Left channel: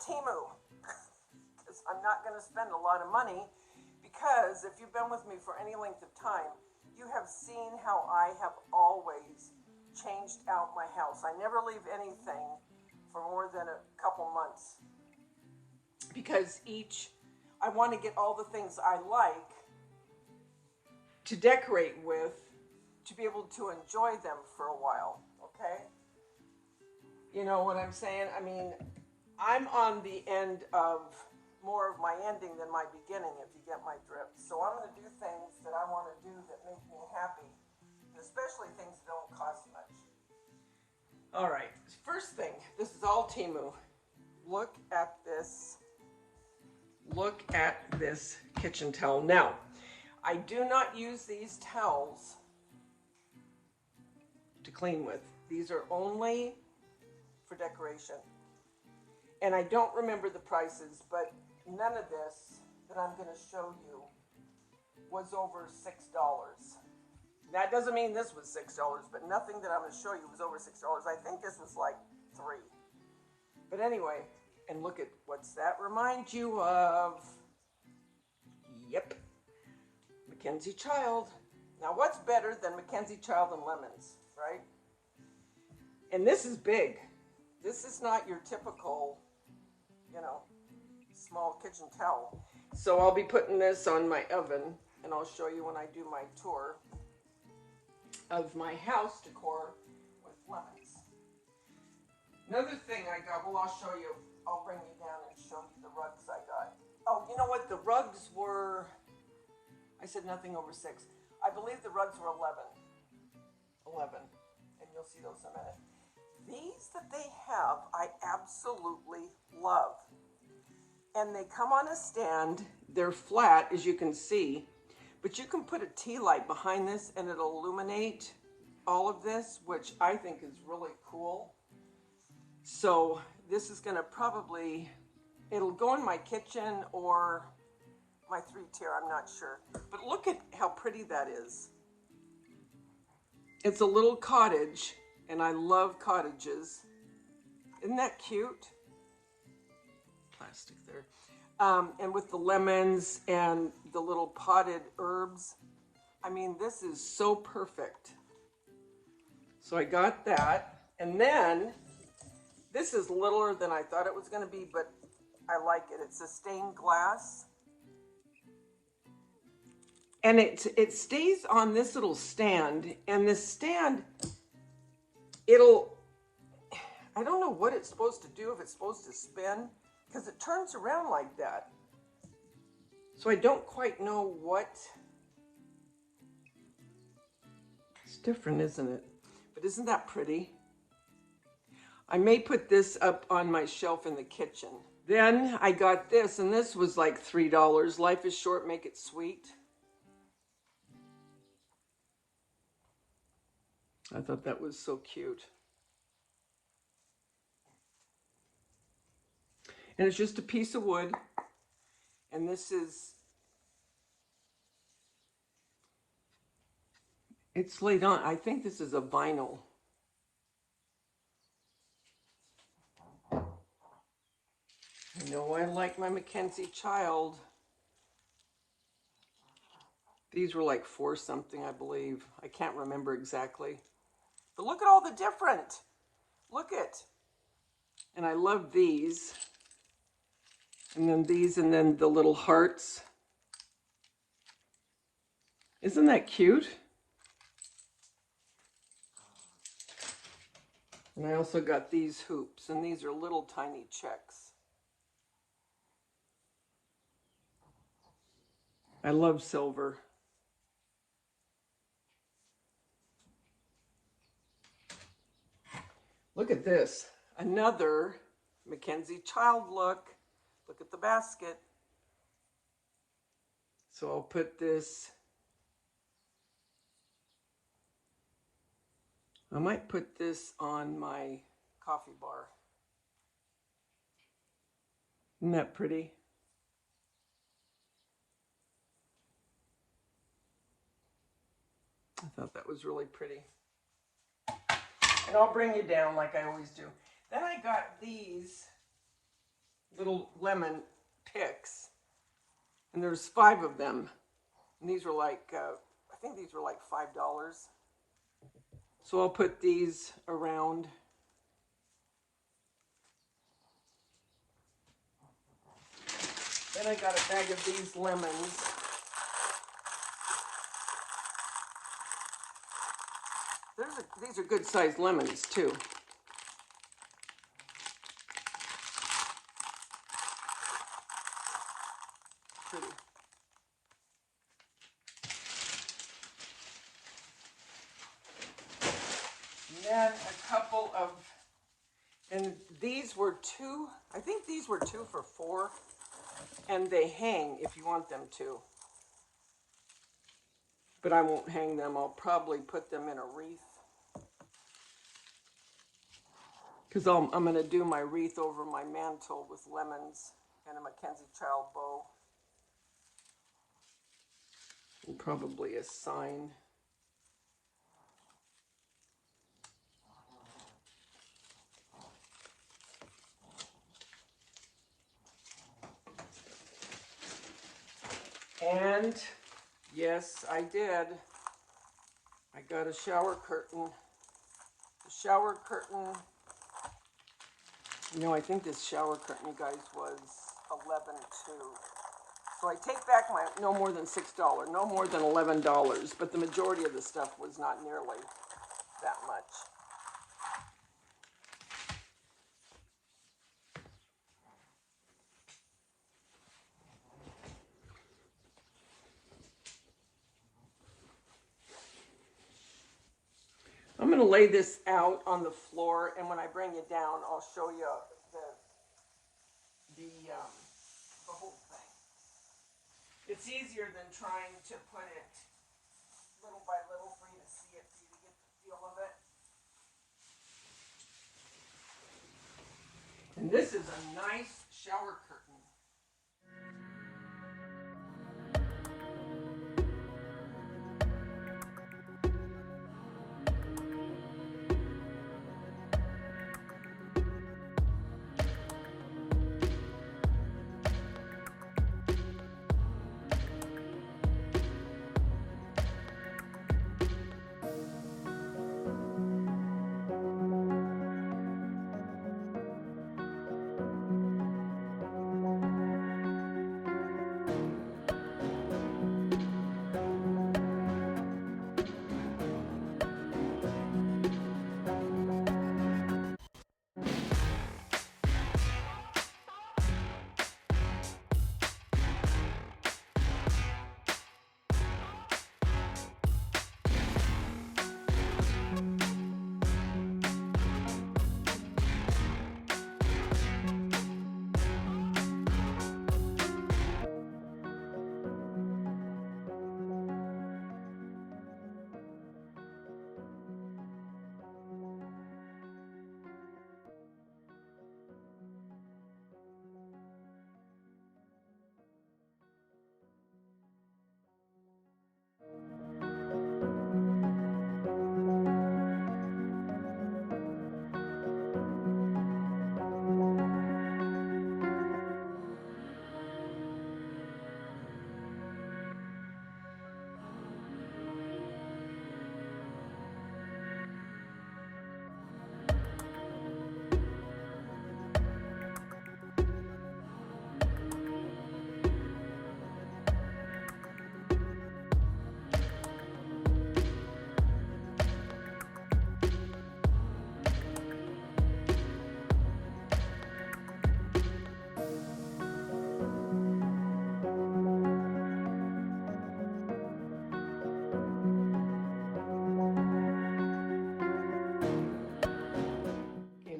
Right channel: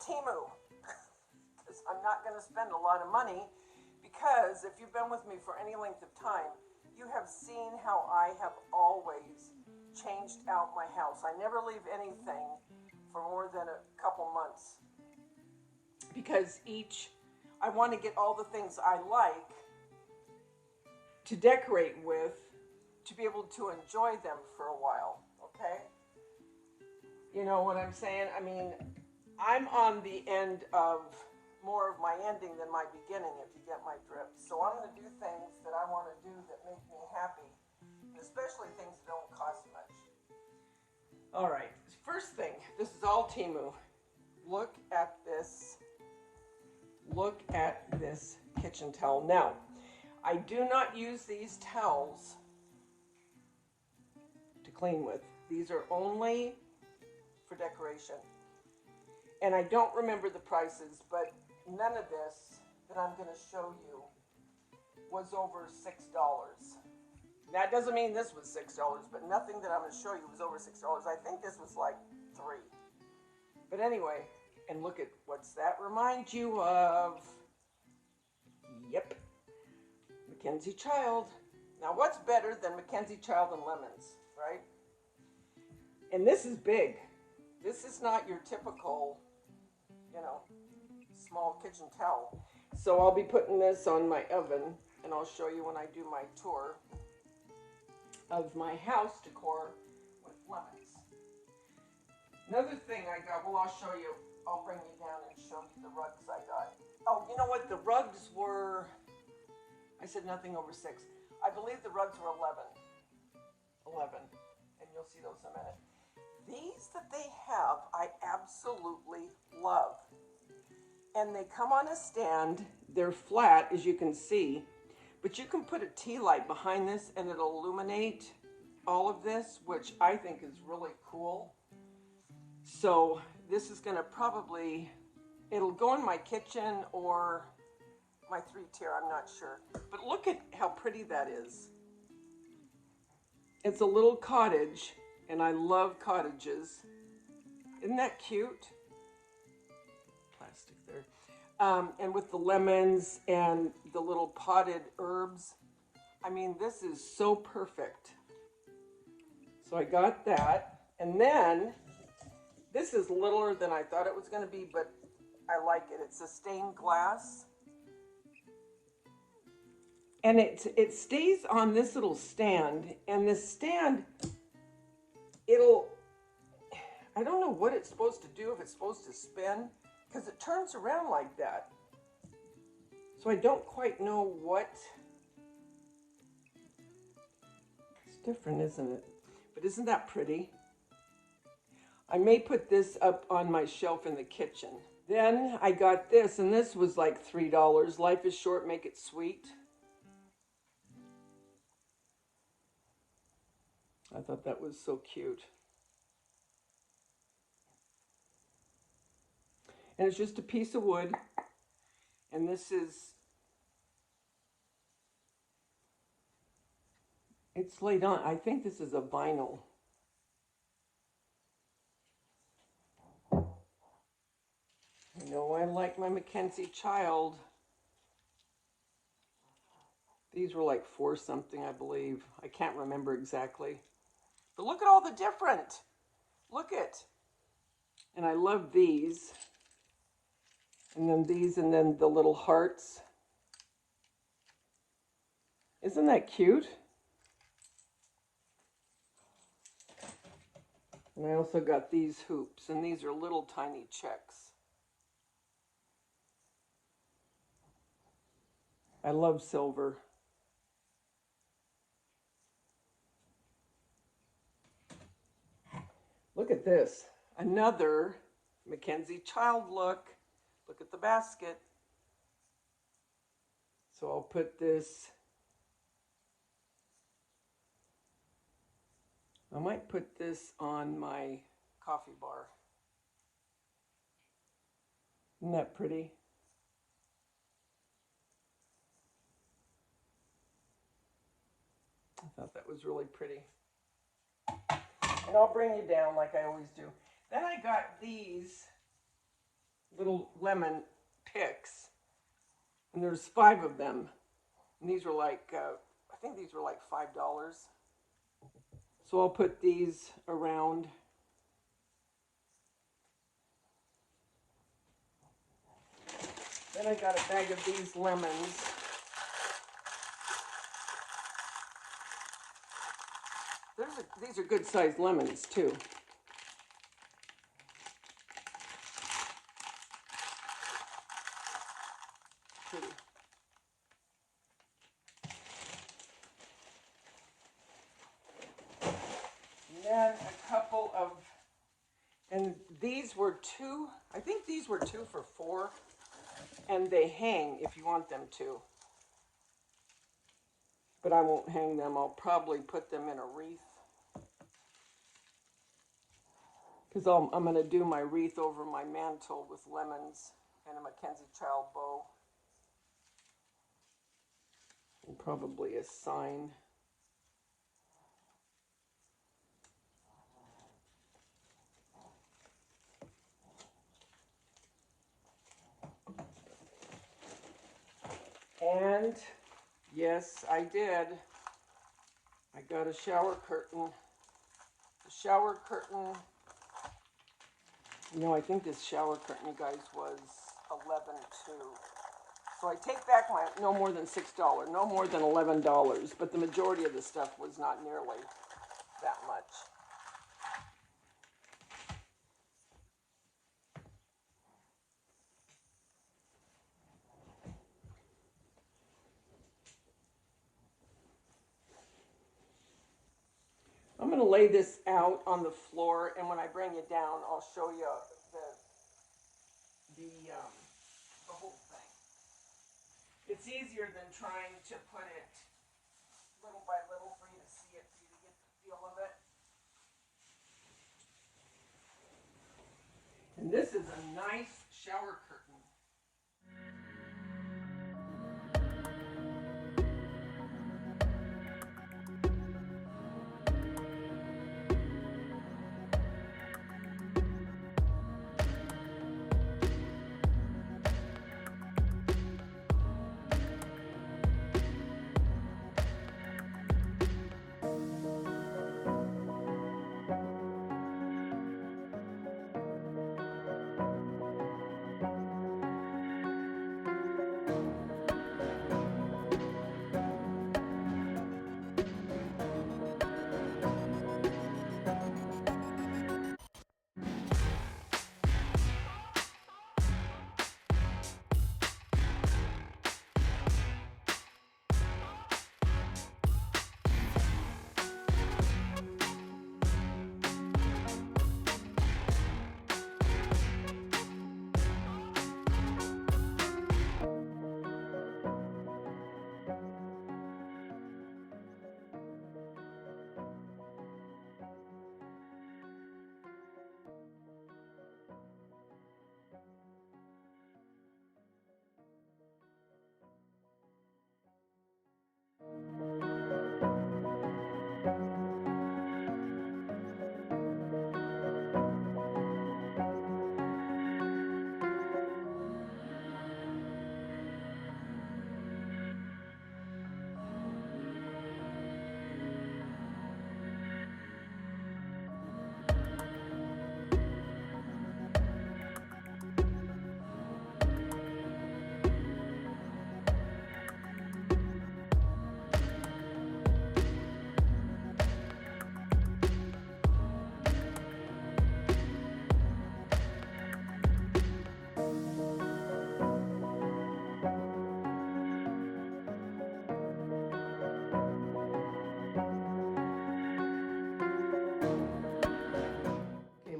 Temu, because I'm not going to spend a lot of money, because if you've been with me for any length of time, you have seen how I have always changed out my house. I never leave anything for more than a couple months, because I want to get all the things I like to decorate with, to be able to enjoy them for a while, okay? You know what I'm saying? I mean, I'm on the end of more of my ending than my beginning, if you get my drift. So I'm going to do things that I want to do that make me happy, especially things that don't cost much. All right, first thing, this is all Temu. Look at this. Look at this kitchen towel. Now, I do not use these towels to clean with. These are only for decoration. And I don't remember the prices, but none of this that I'm going to show you was over $6. That doesn't mean this was $6, but nothing that I'm going to show you was over $6. I think this was like $3. But anyway, and look at what's that remind you of? Yep, Mackenzie Child. Now what's better than Mackenzie Child and lemons, right? And this is big. This is not your typical, you know, small kitchen towel. So I'll be putting this on my oven, and I'll show you when I do my tour of my house decor with lemons. Another thing I got, well, I'll show you. I'll bring you down and show you the rugs I got. Oh, you know what? The rugs were, I said nothing over 6. I believe the rugs were 11. 11. And you'll see those in a minute. These that they have, I absolutely love. And they come on a stand. They're flat, as you can see. But you can put a tea light behind this and it'll illuminate all of this, which I think is really cool. So this is going to probably, it'll go in my kitchen or my 3-tier, I'm not sure. But look at how pretty that is. It's a little cottage, and I love cottages. Isn't that cute? Plastic there. And with the lemons and the little potted herbs. I mean, this is so perfect. So I got that. And then, this is littler than I thought it was going to be, but I like it. It's a stained glass. And it stays on this little stand. And this stand, I don't know what it's supposed to do, if it's supposed to spin, because it turns around like that. So I don't quite know what. It's different, isn't it? But isn't that pretty? I may put this up on my shelf in the kitchen. Then I got this, and this was like $3. Life is short, make it sweet. I thought that was so cute. And it's just a piece of wood. And this is, it's laid on. I think this is a vinyl. You know, I like my Mackenzie Child. These were like $4 something, I believe. I can't remember exactly. But look at all the different. Look at. And I love these. And then these, and then the little hearts. Isn't that cute? And I also got these hoops, and these are little tiny checks. I love silver. Look at this. Another Mackenzie Child look. Look at the basket. So I'll put this. I might put this on my coffee bar. Isn't that pretty? I thought that was really pretty. And I'll bring you down like I always do. Then I got these little lemon picks. And there's 5 of them. And these were like, I think these were like $5. So I'll put these around. Then I got a bag of these lemons. These are good sized lemons too. Then a couple of, and these were 2, I think these were 2 for $4, and they hang if you want them to. But I won't hang them, I'll probably put them in a wreath. Because I'm going to do my wreath over my mantle with lemons and a Mackenzie Child bow. And probably a sign. And yes, I did. I got a shower curtain. The shower curtain, you know, I think this shower curtain, you guys, was $11 too. So I take back my no more than $6, no more than $11, but the majority of the stuff was not nearly that much. I'm going to lay this out on the floor, and when I bring it down, I'll show you the whole thing. It's easier than trying to put it little by little for you to see it, for you to get the feel of it. And this is a nice shower curtain.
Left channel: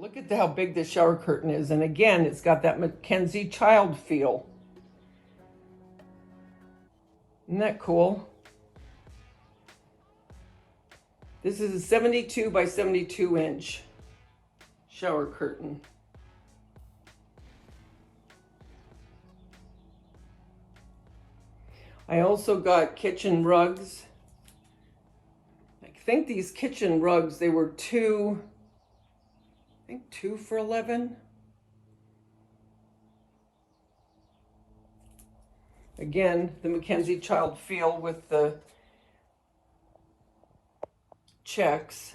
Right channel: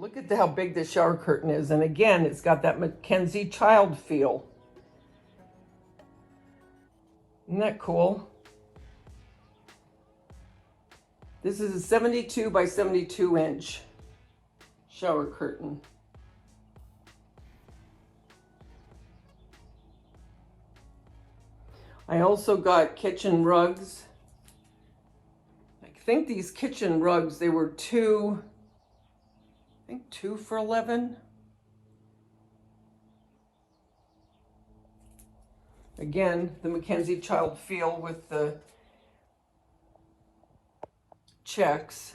Look at how big this shower curtain is. And again, it's got that Mackenzie Child feel. Isn't that cool? This is a 72 by 72 inch shower curtain. I also got kitchen rugs. I think these kitchen rugs, they were two for $11. Again, the Mackenzie Child feel with the checks.